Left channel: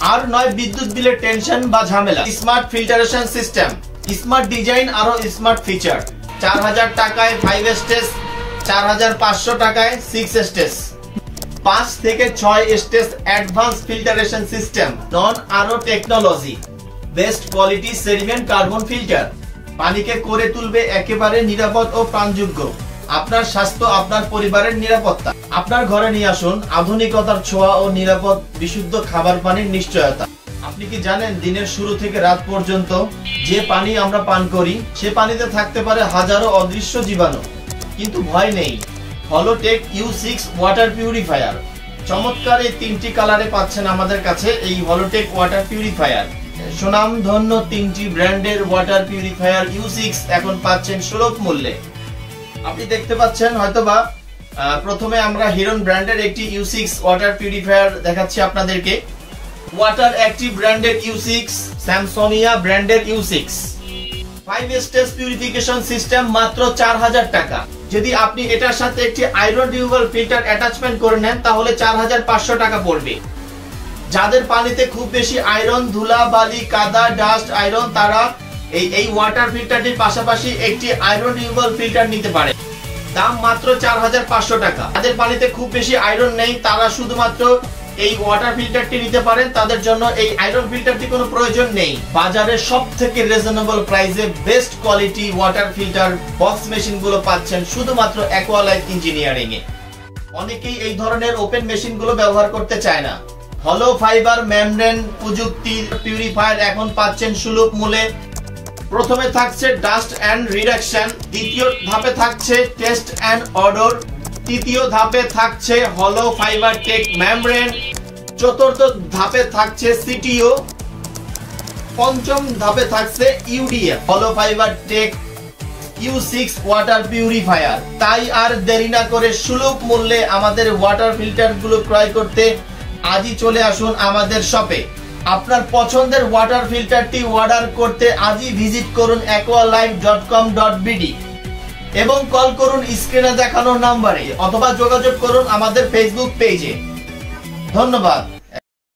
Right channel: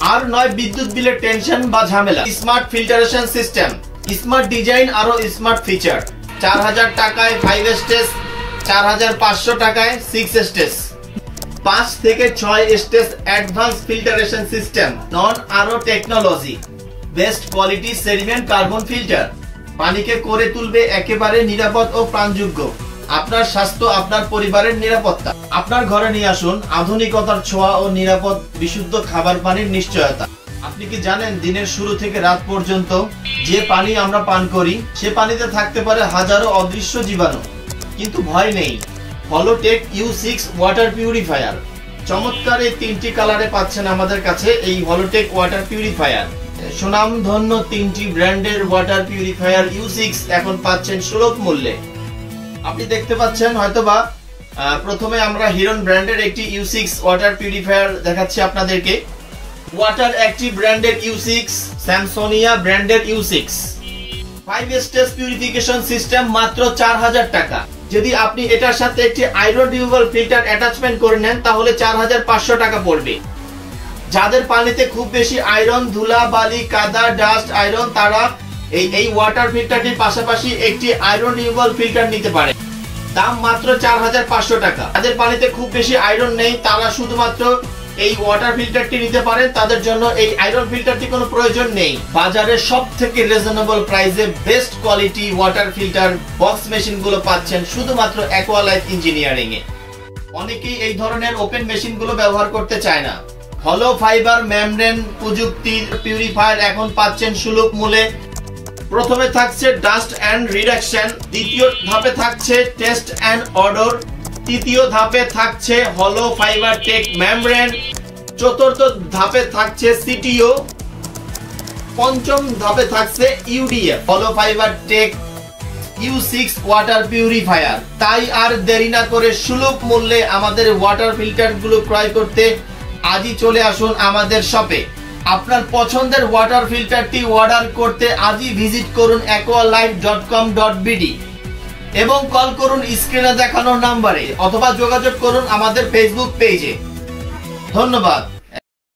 আর নয় বিদ্যুৎ বিলের টেনশন বা ঝামেলা। Smart filtration system, smart design আরো স্মার্ট ফিচার। 4000 টাকায় 5 স্টেজ, 4500 টাকায় 6 স্টেজ, 5 থেকে 6 স্টেজ অ্যাডভান্স ফিল্টারেশন সিস্টেম, নন আরো technology, best quality sediment carbon filter, পানিকে করে তুলবে একেবারে নিরাপদ ও প্রাণযোগ্য। আপনার স্বাস্থ্য, আপনার পরিবারের নিরাপত্তা। আপনার ঘরে নিয়ে আসুন আধুনিকতার ছোঁয়া ও নিরাপদ বিশুদ্ধ খাবার পানির নিশ্চয়তা। আপনি কি জানেন দিনের শুরু থেকে রাত পর্যন্ত যে পানি আমরা পান করি সে পানিতে থাকতে পারে হাজারো অদৃশ্য জীবাণু। কিন্তু ভয় নেই, হলোটেক U6 ওয়াটার পিউরিফায়ার। চমৎকার এই 3টি কালারে পাচ্ছেন আমাদের কাছে এই হলোটেক ওয়াটার পিউরিফায়ার। সুনামধন্য 3টি ব্র্যান্ডের ওয়াটার পিউরিফায়ার U6 এখন পাচ্ছেন সুলভ মূল্যে। আপনি দেখতে পাচ্ছেন হয়তোবা প্রথমে আমরা হিরন ব্র্যান্ডের একটি U6 ওয়াটার পিউরিফায়ার দেখাচ্ছি আপনাদেরকে। ওয়াটার অ্যাক্টিভ ব্র্যান্ডের U6, স্যামসোনিয়া ব্র্যান্ডের U6, 5 স্টেজ পিউরিফিকেশন সিস্টেম মাত্র 4000 টাকা। যদি আপনি এটার সাথে একটি আয়রন রিমুভাল ফিল্টার অ্যাটাচমেন্ট করে নেন তাহলে 4500 টাকা পড়বে। যাদের পানিতে খুব বেশি আয়রন, ধুলা বালি, কাদা, ডাস্ট, আয়রন, তারা এই ওয়াটার ফিল্টারটির পাশাপাশি একটি আয়রন রিমুভাল ফিল্টার নিতে পারে। দাম মাত্র 4500 টাকা। যাদের পানিতে খুব বেশি আয়রন নেই তারা শুধুমাত্র এই ওয়াটার ফিল্টারটি নিতে পারেন, তাদের জন্য এই আয়রন ফিল্টারটি কোনো প্রয়োজন নেই। বাজারে সবথেকে রিজনেবল প্রাইসে best quality water filter box মেশিনগুলো পাচ্ছেন শুধুমাত্র অ্যাকোয়ালাইফ ইঞ্জিনিয়ারিং এ। অনেকেই এই ধরনের ওপেন মেশিনগুলো ব্যবহার করতে চায় না। হলো ফাইবার মেমব্রেন প্রযুক্তির পিউরিফায়ার এখন পাচ্ছেন সুলভ মূল্যে। প্রথমে থাকছে ডাস্ট এন্ড রিডাকশন, দ্বিতীয় ধাপে থাকছে টেস্ট এন্ড অডর, তৃতীয় ধাপে থাকছে হলো ফাইবার টেক মেমব্রেন, চতুর্থ ধাপে থাকছে CTO, পঞ্চম ধাপে থাকছে UDF হলো fibre take U6 water purifier. তাই আর দেরি না করে সুলভ মূল্যে আমাদের ওয়াটার ফিল্টার গুলো ক্রয় করতে আজই চলে আসুন আমাদের শপে। আপনার পছন্দের ওয়াটার ফিল্টারটি অর্ডার করতে আজই ভিজিট করুন aqualife.com.bd এবং কল করুন স্ক্রিনে দেখানো নম্বরে অথবা যোগাযোগ করুন আমাদের ফেসবুক পেজে। ধন্যবাদ।